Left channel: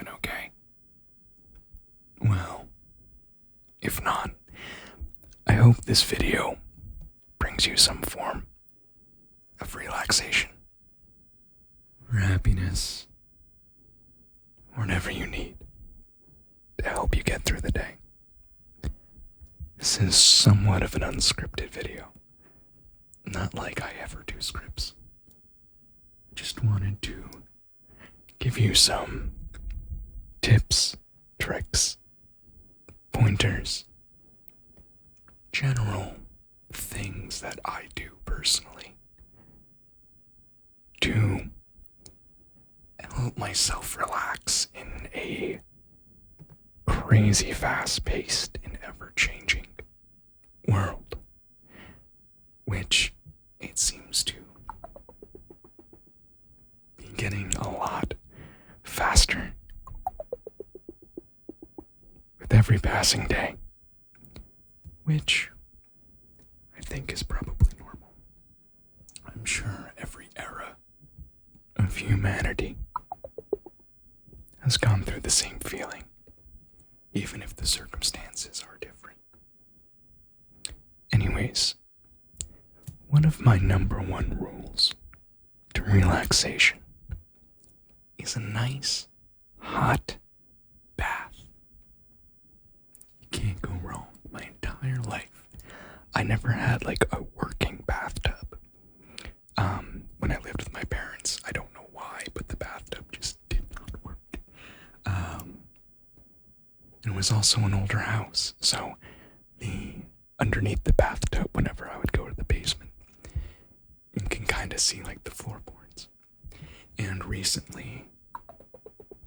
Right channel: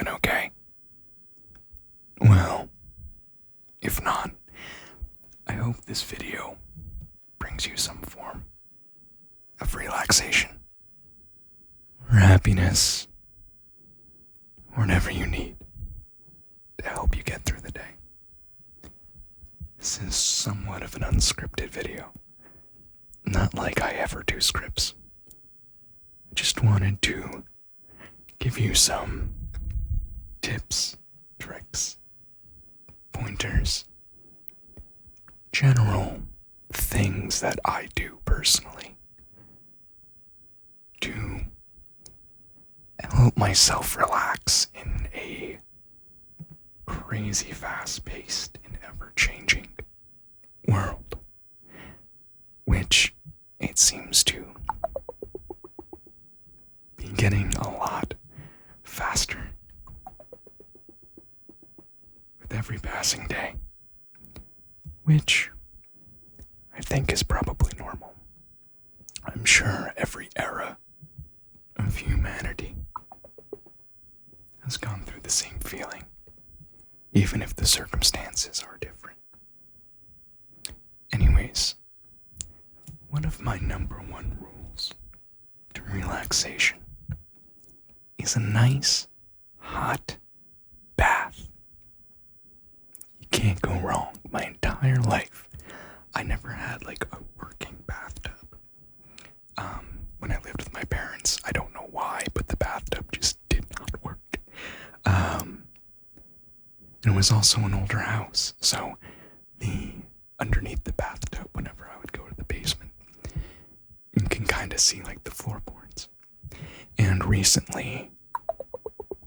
doing okay? Well, if not, I hope this video brings you some form of relaxation, or happiness, or whatever you need to help you get through the day. This is somewhat of an unscripted video, not like I ever do scripts. I just wanted to give you some tips, tricks, pointers, general things that I do personally to help myself relax in a crazy fast-paced and ever-changing world, which it seems to be getting a lot faster with every passing day, which I think is probably normal. I'm sure every era of humanity has gone through the same feeling, even if the circumstances are different. Anyways, one of my number one rules to relaxation is a nice, hot bath. You can't go wrong. My entire life, I never had like a working bathtub. When I lived with my parents, I don't know why, but the bathtub just did not work. It was also an older house, so underneath the bathtub, whenever I would go to the basement, you can kind of see like the floorboards. And recently,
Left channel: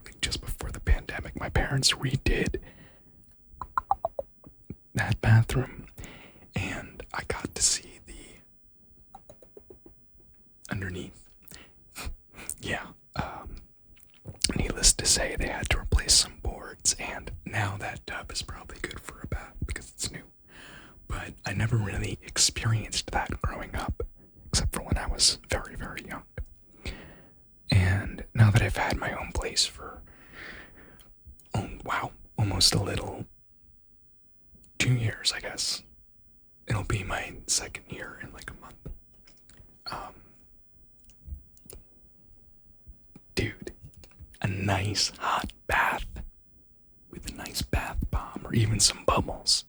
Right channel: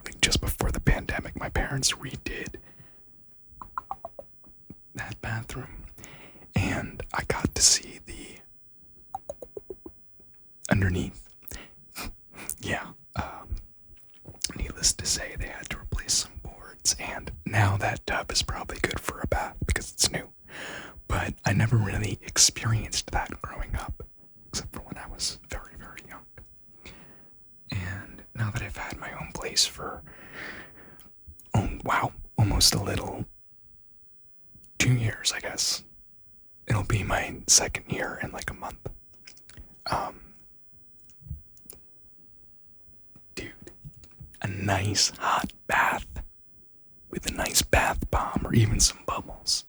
like just before the pandemic, my parents redid that bathroom, and I got to see the underneath. Yeah, needless to say, they had to replace some boards, and now that tub is probably good for a bath because it's new. But I never really experienced that growing up, except for when I was very, very young. And now that I've had my own place for, almost a little 2 years, I guess. It'll be my second year in like a month. Dude, a nice hot bath with a nice bath bomb or even some bubbles.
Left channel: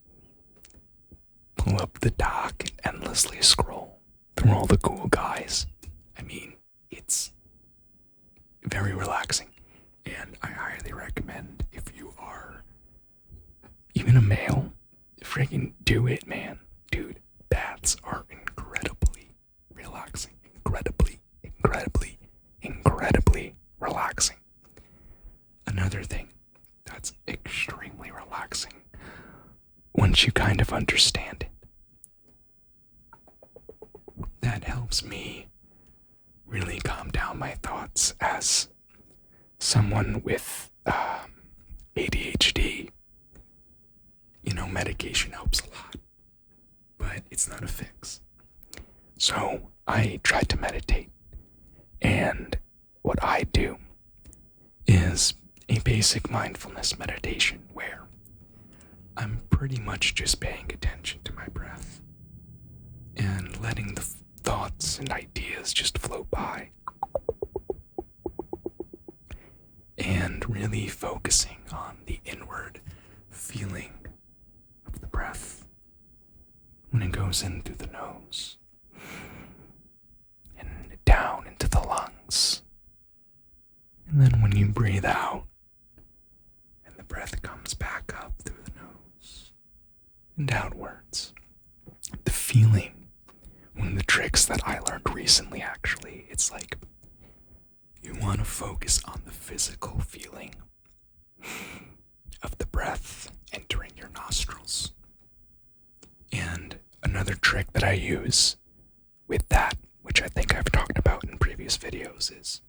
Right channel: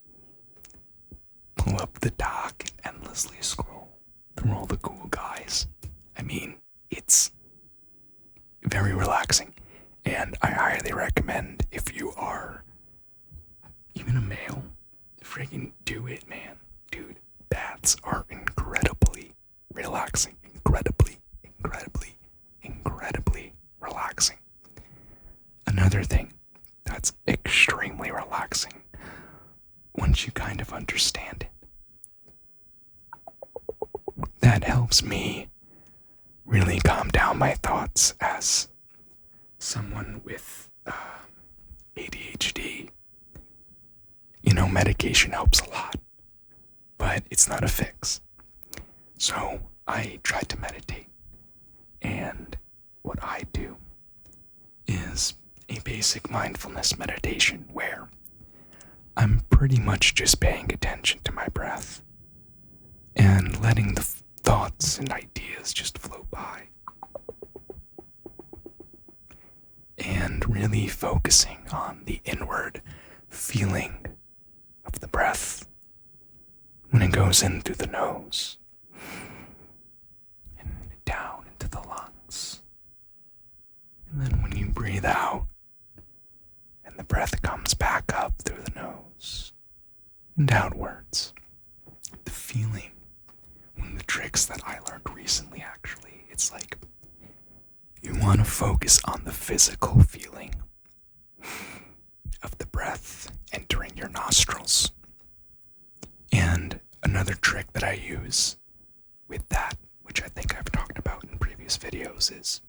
Pull up the dock and endlessly scroll through all the cool guys. I mean, it's very relaxing, and I highly recommend if you are even a male, freaking do it, man. Dude, baths are incredibly relaxing. Incredibly relaxing. Another thing that's extremely relaxing once you kind of understand it, that helps me really calm down my thoughts as someone with ADHD. Medication helps a lot, but it's not a fix. So I try to meditate, and what I do is a basic mindfulness meditation where I'm pretty much just paying attention to my breath and letting the thoughts and ideas just flow by, and really focusing on the inward feeling of the breath when it goes in through the nose and down into the lungs. And then when you breathe out and the breath comes back up through the nose and outwards, the feeling, one of the tricks that I learned recently actually, it's like you want to focus on the physical feeling of the breath entering your nostrils. And another trick that I use with that, which I think I've talked about in previous videos, is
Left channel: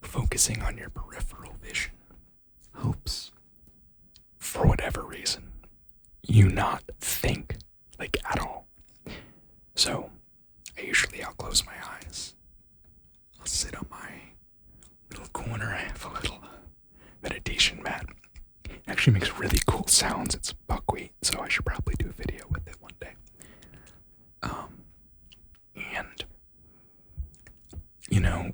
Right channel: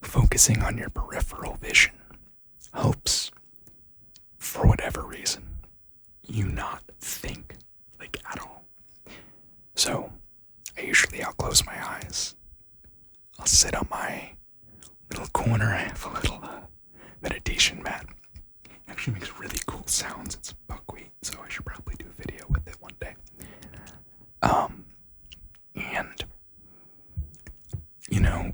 focusing on your peripheral vision helps, for whatever reason, you not think like at all. So I'll close my eyes. I'll sit on my little corner. I have a little meditation mat. It actually makes really cool sounds. It's buckwheat, so I should probably do a video with it one day. And, you know,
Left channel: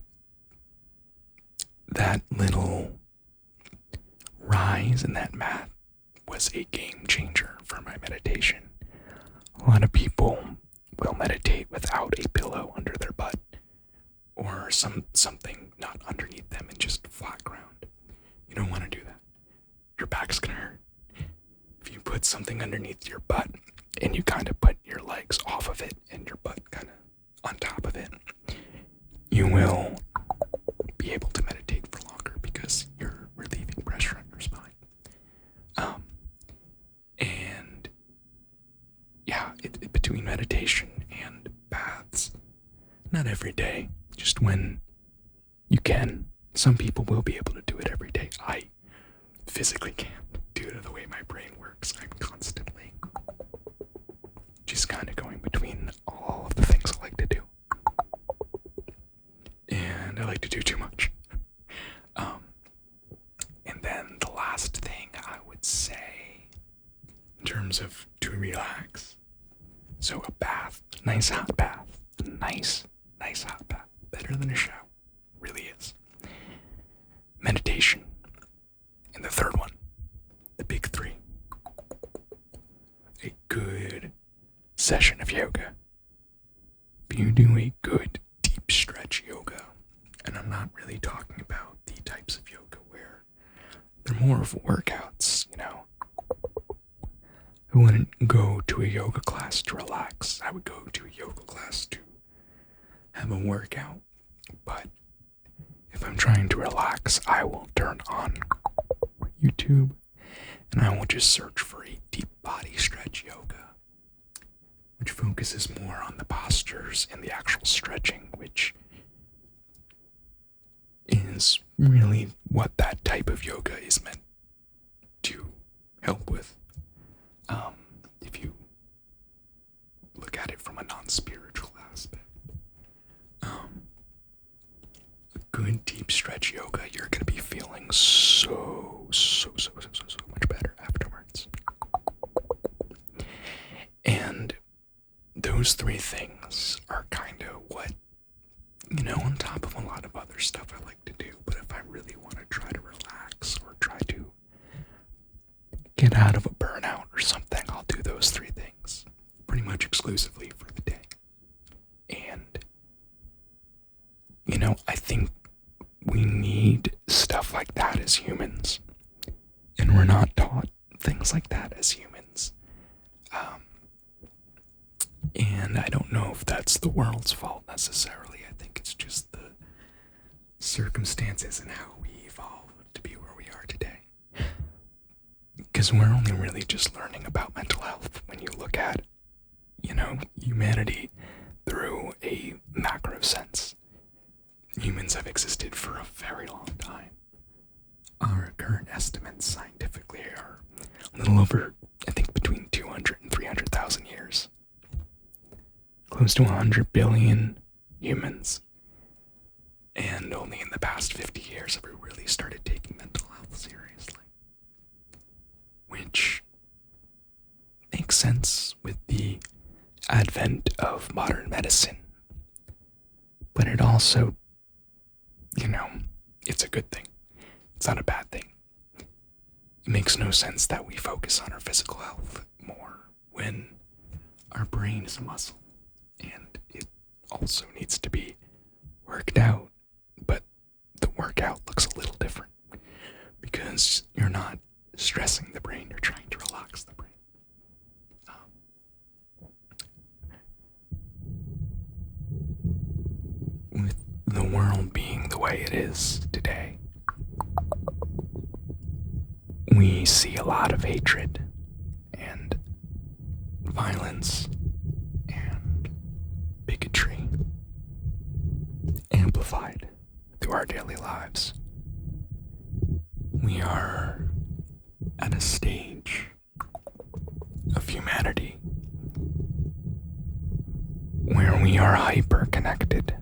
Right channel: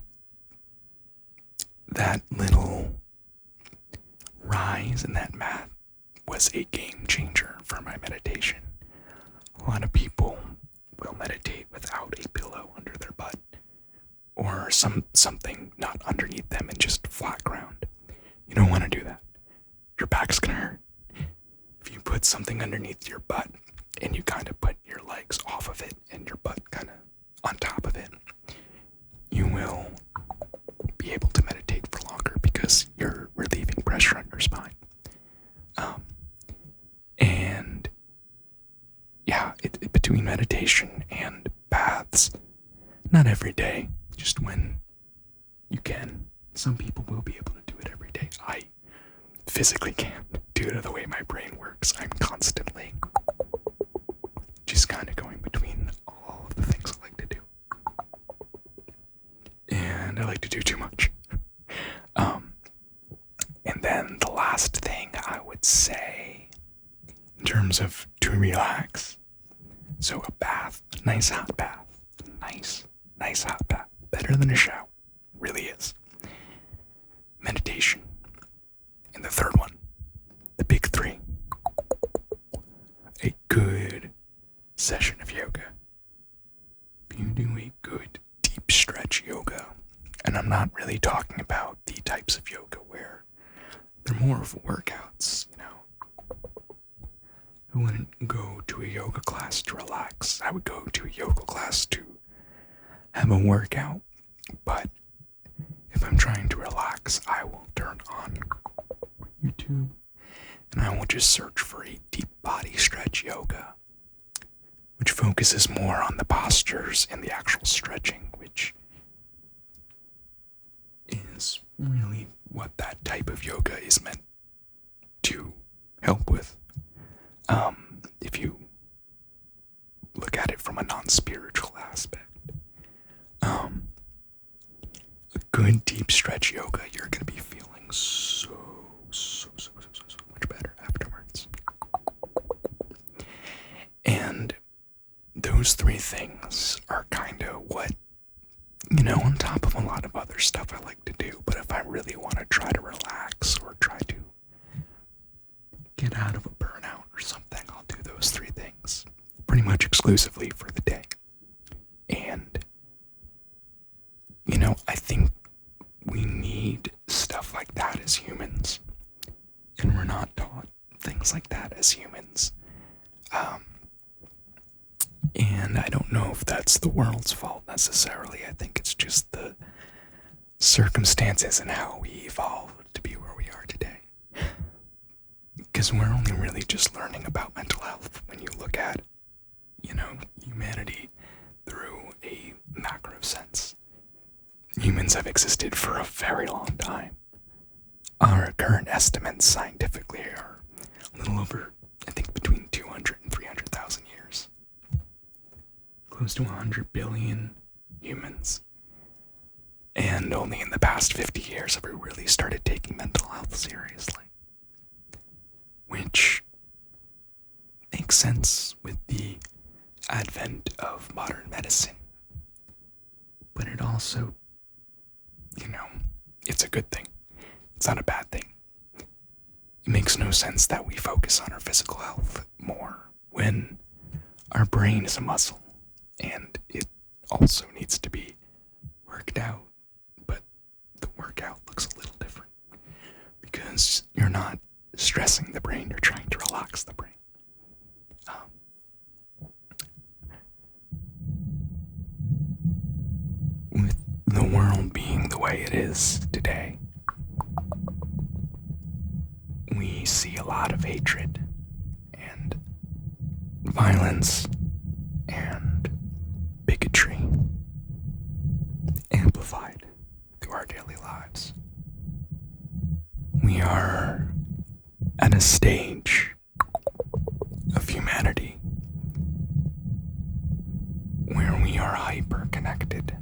that little rise in that mat was a game changer for my meditation. A lot of people will meditate without a pillow under their butt or something not underneath them and just flat ground. You don't want to do that. Your back's gonna hurt. If you put something underneath your butt and you kind of put your legs off of it and your butt kind of on top of it, you will be able to meditate for longer because you're relieving pressure on your spine. And yeah, between meditation and baths, not every day, just when you can. Some people will be able to do it every day. I physically can't due to the way my brain works. I'm constantly just kind of going between all of the things I like to do. And I like to do too much. And then the last thing I would say in terms of to relax. So a bath, nice hot bath, nice hot bath, better than a shower, really is. Meditation. And the third one, the big three. A good session of yoga. If you do a good deep stretch yoga, and I'm not really talking about the types of yoga where they're more of workouts, you know. I wouldn't go to a yoga class to relax. I would go to a yoga class to have a workout. But if I'm trying to relax, I will turn on YouTube and I will just search for a deep body stretch yoga, which focuses more on the postures and the actual stretching, which is really what that type of yoga is meant to help with. If you look at it from a non-spiritual aspect. A good deep stretch yoga, you're going to be feeling so much better afterwards. And those three things are kind of what, you know, on top of a lot of other stuff I like to do, but if I really want to try to relax or try to get out of a burnout or something, I'll do those three things pretty much exclusively for the day. And, you know, I think we need stuff like that as humans, and we're not taught things like that as humans. And I don't know if that's the world's fault necessarily. I think it's just the circumstances and how we evolved to be where we are today. Because we're only really just learning about mental health when you look at, you know, humanity through a macro sense. Humans have existed for a very long time. Our current estimates scientifically are a little over, I think, between 200 and 300,000 years. Close to 100 billion humans. And only in the past 50 years have we really started taking mental health seriously. Which makes sense with the advent of modern medicine. But it also, you know, it's a good thing. It's not a bad thing. It makes no sense that we focus on our physical health more when our brain is a muscle and it also needs to be worked out. But the workout looks a little different because you're not stressing the brain, you're trying to relax the brain. With the world being the way it is today, we see a lot of hatred and violence and bigotry amplified through our daily lives. We are at a stage of humanity where we are hyper-connected.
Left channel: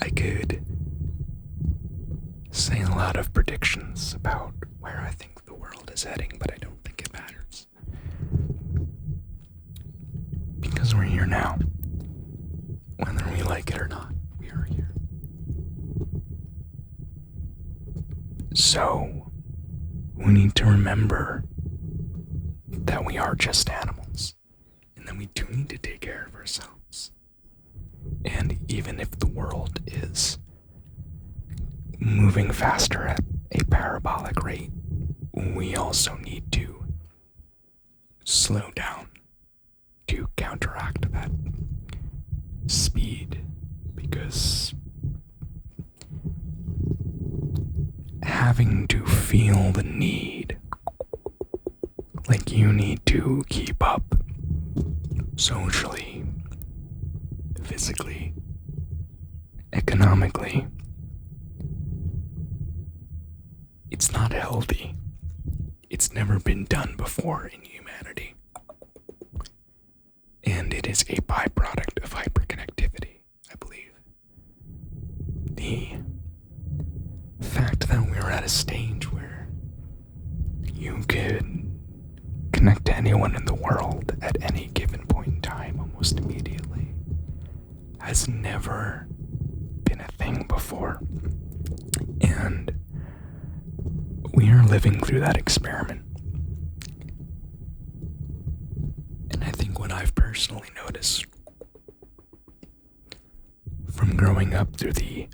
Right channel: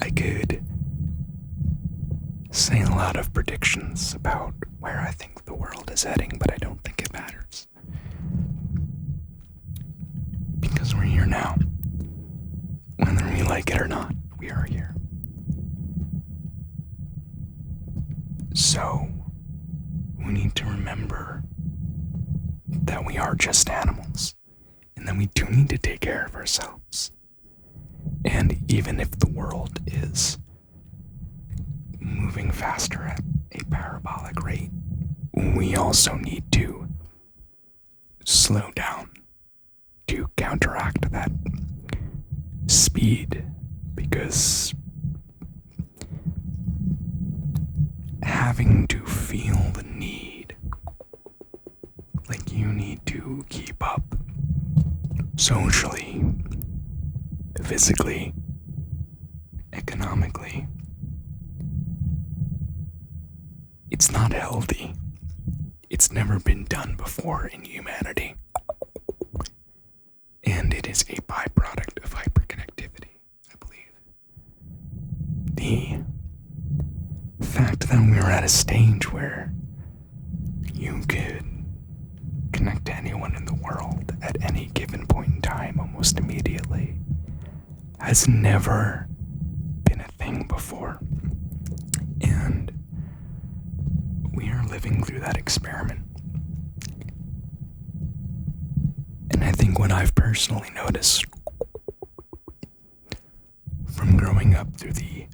I could say a lot of predictions about where I think the world is heading, but I don't think it matters. Because we're here now. Whether we like it or not, we are here. So, we need to remember that we are just animals, and that we do need to take care of ourselves. And even if the world is moving faster at a parabolic rate, we also need to slow down to counteract that speed, because having to feel the need, like you need to keep up socially, physically, economically, it's not healthy. It's never been done before in humanity. And it is a byproduct of hyperconnectivity, I believe. The fact that we're at a stage where you could connect to anyone in the world at any given point in time almost immediately has never been a thing before. And we are living through that experiment. And I think what I've personally noticed from growing up through the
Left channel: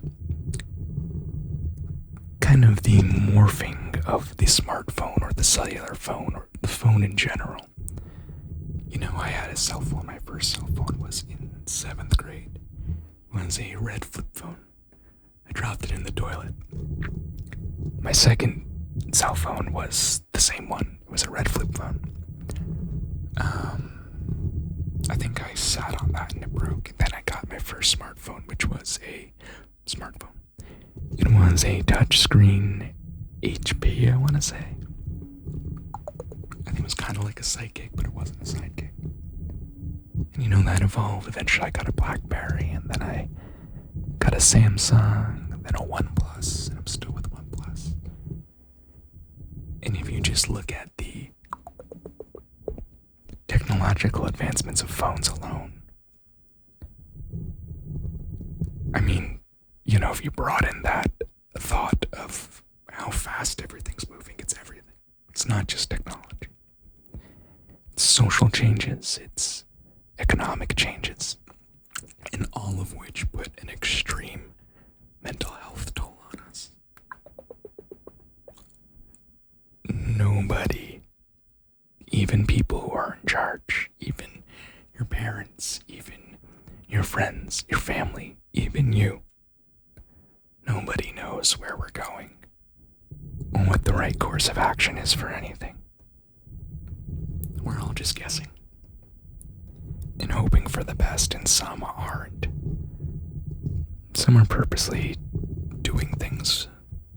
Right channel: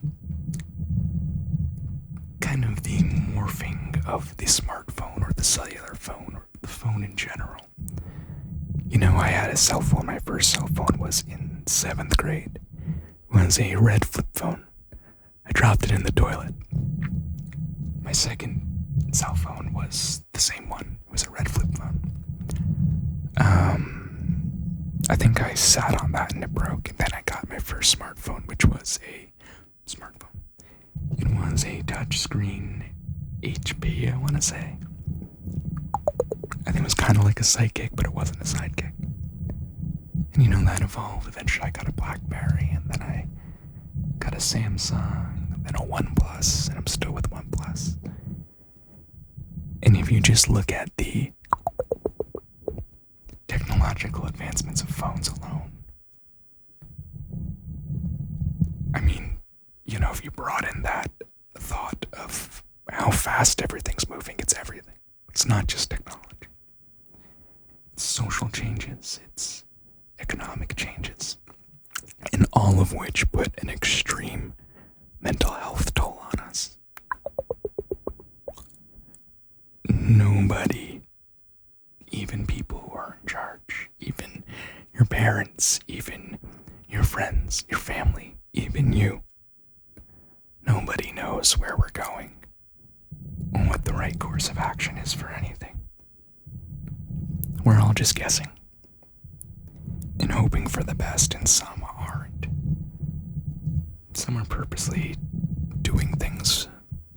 kind of the morphing of the smartphone or the cellular phone or the phone in general. You know, I had a cell phone. My first cell phone was in 7th grade. It was a red flip phone. I dropped it in the toilet. My second cell phone was the same one. It was a red flip phone. I think I sat on that and it broke, and then I got my first smartphone, which was a smartphone. It was a touchscreen HP, I want to say. I think it was kind of like a sidekick, but it wasn't a sidekick. And you know, that evolved. Eventually I got a BlackBerry, and then I got a Samsung, and then a OnePlus, and I'm still with OnePlus. And if you just look at the technological advancements of phones alone, I mean, you know, if you broaden that thought of how fast everything's moving, it's everything. It's not just technology. It's social changes, it's economic changes, and all of which put an extreme mental health toll on us. Nobody, even people who are in charge, even your parents, even your friends, your family, even you, nobody knows where we're going or what the right course of action is for anything. We're all just guessing and hoping for the best, and some aren't. Some are purposely doing things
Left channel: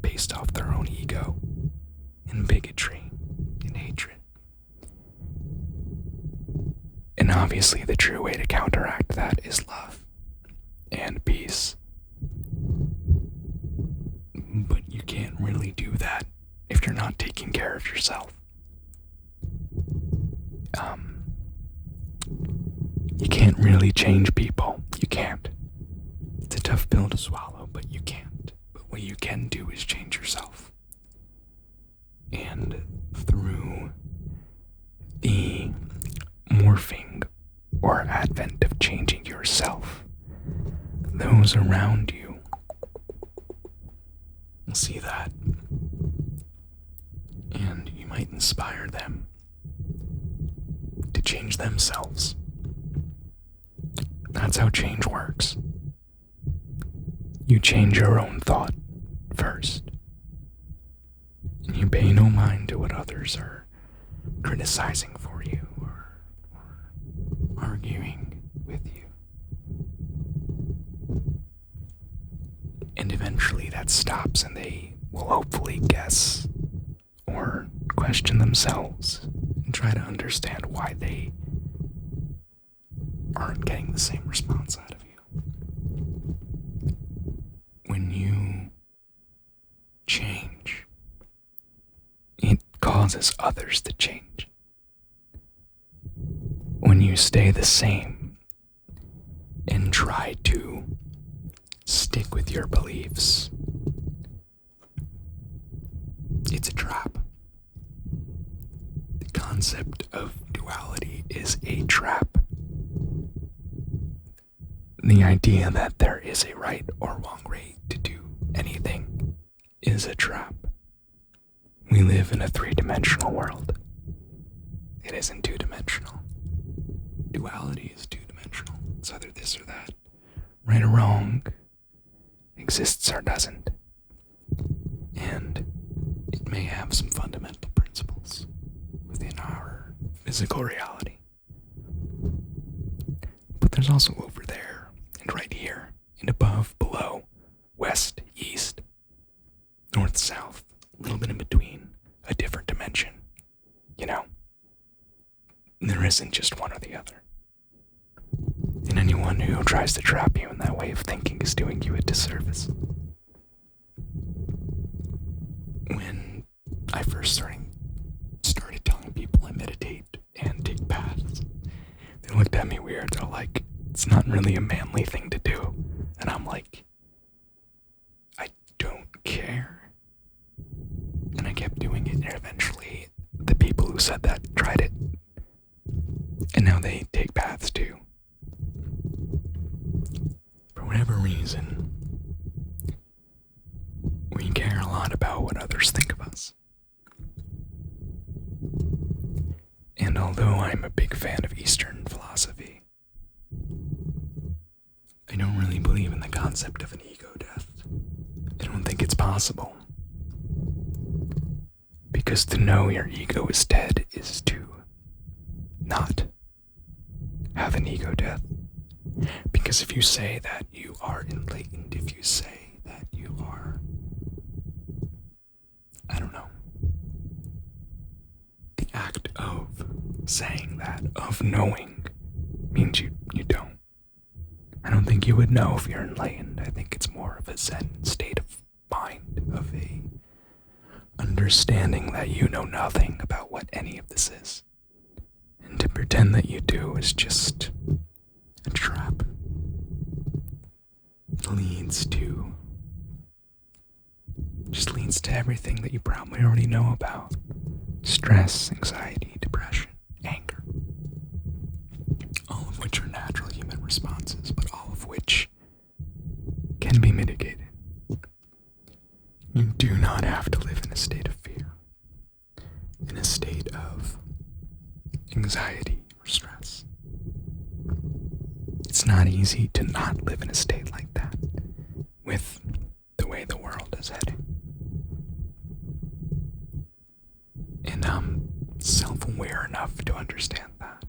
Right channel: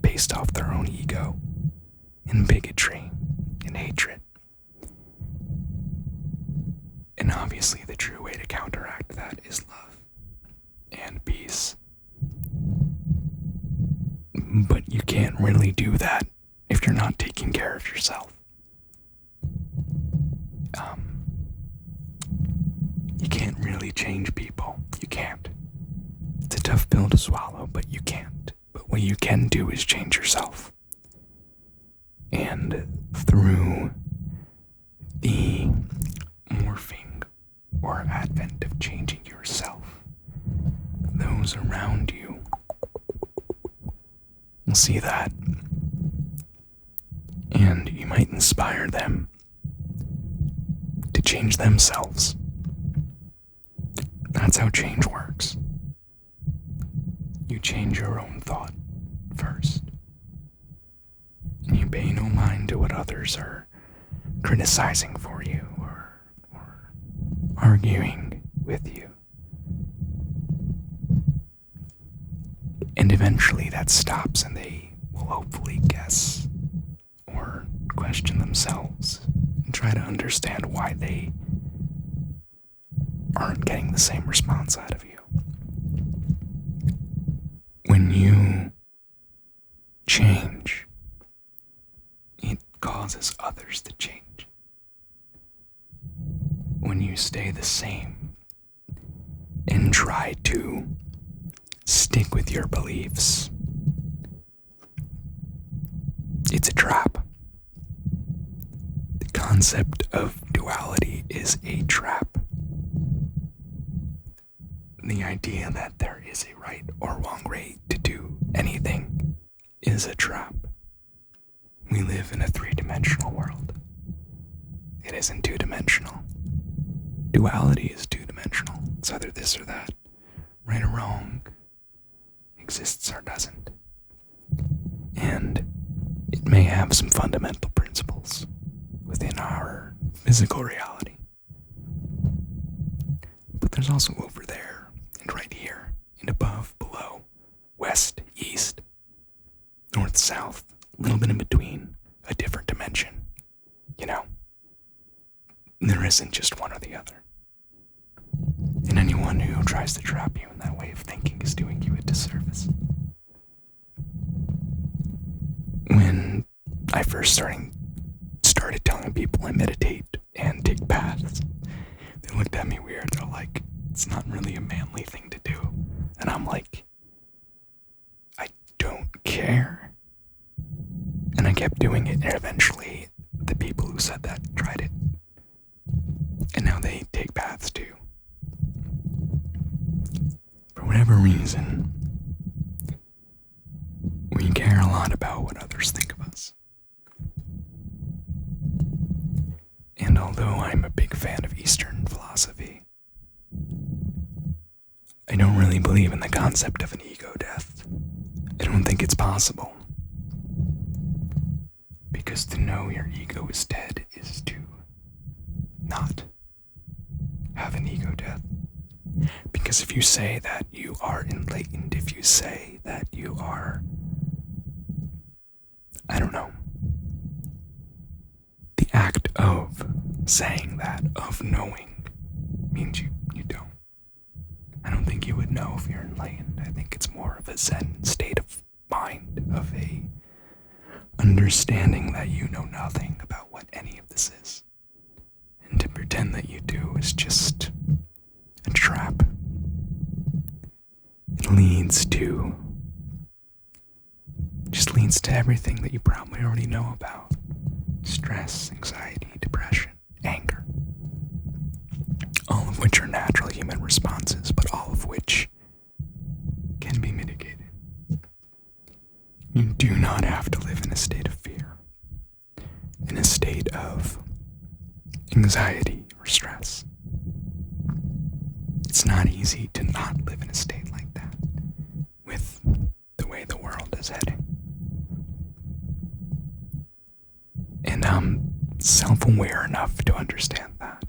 based off their own ego and bigotry and hatred. And obviously the true way to counteract that is love and peace. But you can't really do that if you're not taking care of yourself. You can't really change people. You can't. It's a tough pill to swallow, but you can't. But what you can do is change yourself. And through the morphing or advent of changing yourself, those around you will see that, and you might inspire them to change themselves. That's how change works. You change your own thought first, and you pay no mind to what others are criticizing for you or arguing with you. And eventually that stops, and they will hopefully guess or question themselves and try to understand why they aren't getting the same response out of you. When you change, it causes others to change. When you stay the same and try to stick with your beliefs, it's a trap. The concept of duality is a trap. The idea that there is a right or wrong way to do anything is a trap. We live in a three-dimensional world. It isn't two-dimensional. Duality is two-dimensional. It's either this or that. Right or wrong exists or doesn't. And it may have some fundamental principles within our physical reality. But there's also over there, and right here, and above, below, west, east, north, south, a little bit in between, a different dimension. You know, there isn't just one or the other. And anyone who tries to trap you in that way of thinking is doing you a disservice. When I first started telling people I meditate and take baths, they looked at me weird. They're like, it's not really a manly thing to do. And I'm like, I don't care. And I kept doing it, and eventually the people who said that tried it. And now they take baths too. For whatever reason, we care a lot about what others think of us. And although I'm a big fan of Eastern philosophy, I don't really believe in the concept of an ego death. I don't think it's possible. Because to know your ego is dead is to not have an ego death. Because if you say that you are enlightened, if you say that you are, I don't know, the act of saying that, of knowing, means you don't. I don't think you would know if you're enlightened. I think it's more of a Zen state of mind, of a understanding that you know nothing about what any of this is. And to pretend that you do is just a trap. It leads to everything that you probably already know about. Stress, anxiety, depression, anger. All of which are natural human responses, but all of which can be mitigated. You do not have to live in a state of fear, in a state of anxiety or stress. It's not easy to not live in a state like that with the way the world is heading. And I'm self-aware enough to understand that.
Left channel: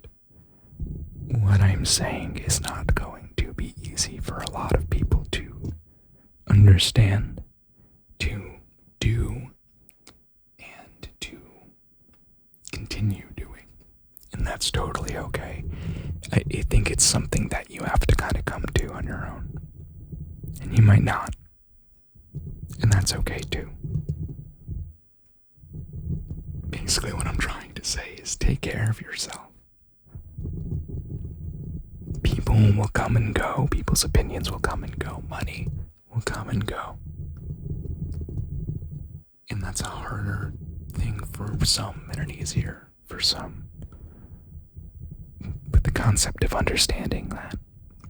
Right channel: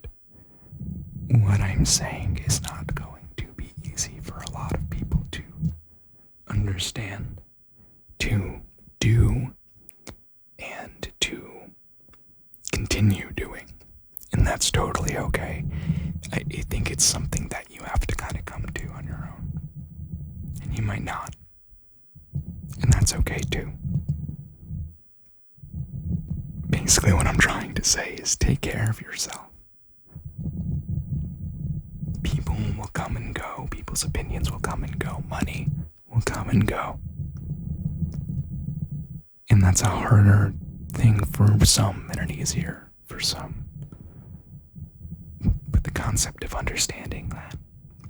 What I'm saying is not going to be easy for a lot of people to understand, to do, and to continue doing. And that's totally okay. I think it's something that you have to kind of come to on your own. And you might not. And that's okay too. Basically what I'm trying to say is take care of yourself. People will come and go. People's opinions will come and go. Money will come and go. And that's a harder thing for some and an easier for some. But the concept of understanding that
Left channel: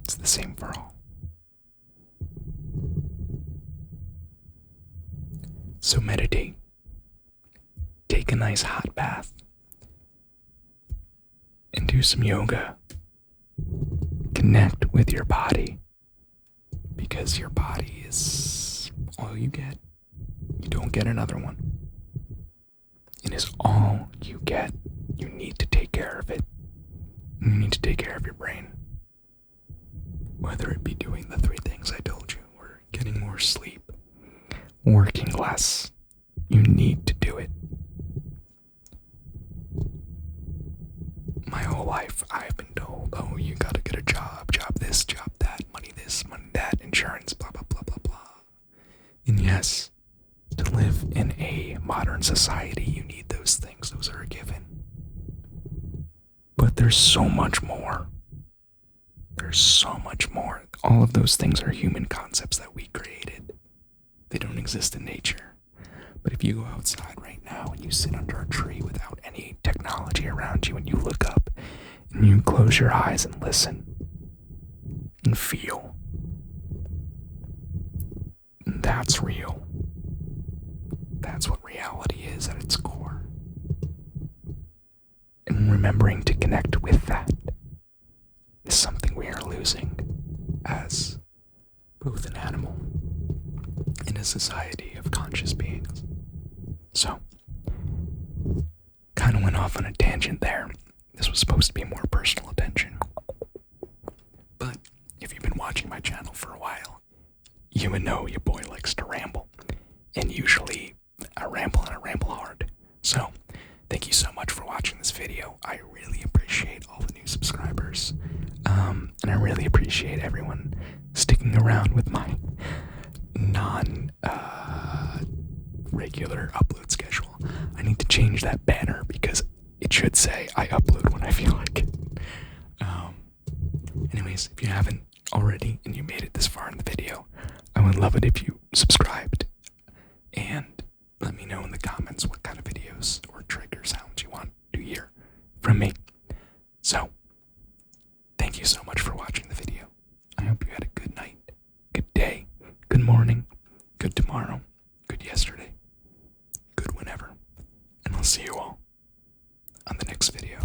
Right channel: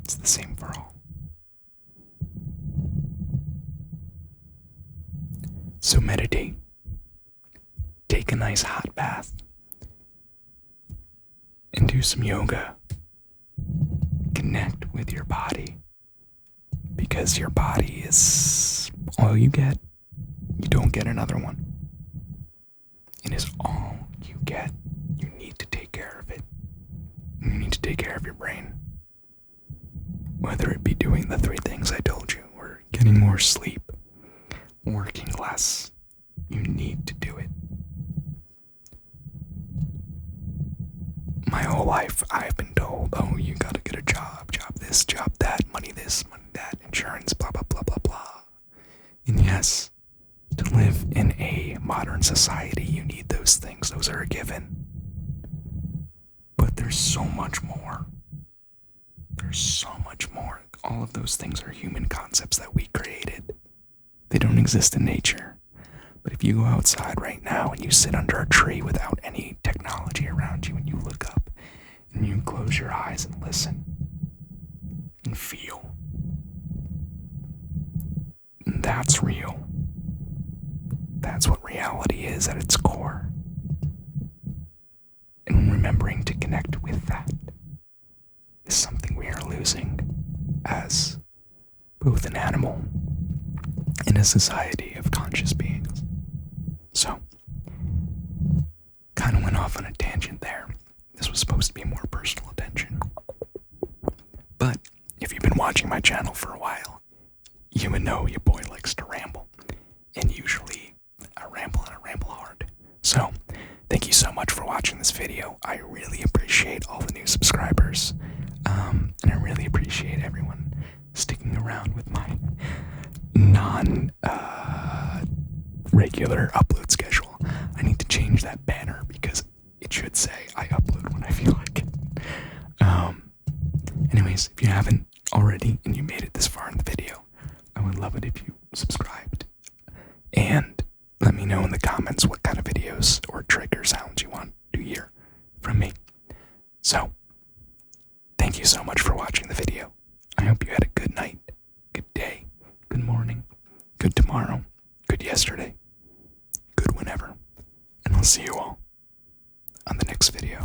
it's the same for all. So meditate. Take a nice hot bath. And do some yoga. Connect with your body. Because your body is all you get. You don't get another one. It is all you get. You need to take care of it. You need to take care of your brain. Whether it be doing the 3 things I told you, or getting more sleep, working less, you need to do it. My whole life, I've been told, oh, you gotta get a job this, job that, money this, money that, insurance, blah, blah, blah, blah, blah. And yes, to To live in a modern society, you need those things. Those are a given. But there's so much more. There's so much more. All of those things are human concepts that we created. They don't exist in nature. But if you go outside right now and you sit under a tree without any technology around you and you look up and you close your eyes and listen and feel, that's real. That's what reality is at its core. And remembering to connect with that is something we are losing as both an animal and a society of conscious beings. So, kind of went off on a tangent there. This was supposed to be more personal attention. But if you've been watching my channel for a while, you would know your boy likes to ramble. And usually, I ramble and I ramble hard. So, thank you so much for watching this video. I really appreciate all the new subscribers. And I really appreciate everyone sticking around with my non-regular upload schedule. I need to change that banner because it should say I upload when I feel like it. Anyways, if you haven't already and you made it this far in the video, I would love it if you subscribed and let me know in the comments what kind of videos or trigger sounds you want to hear from me. So, thank you so much for watching the video. I hope you had a good night, good day, good morning, good tomorrow, good yesterday, good whenever. And I'll see you all on the next video.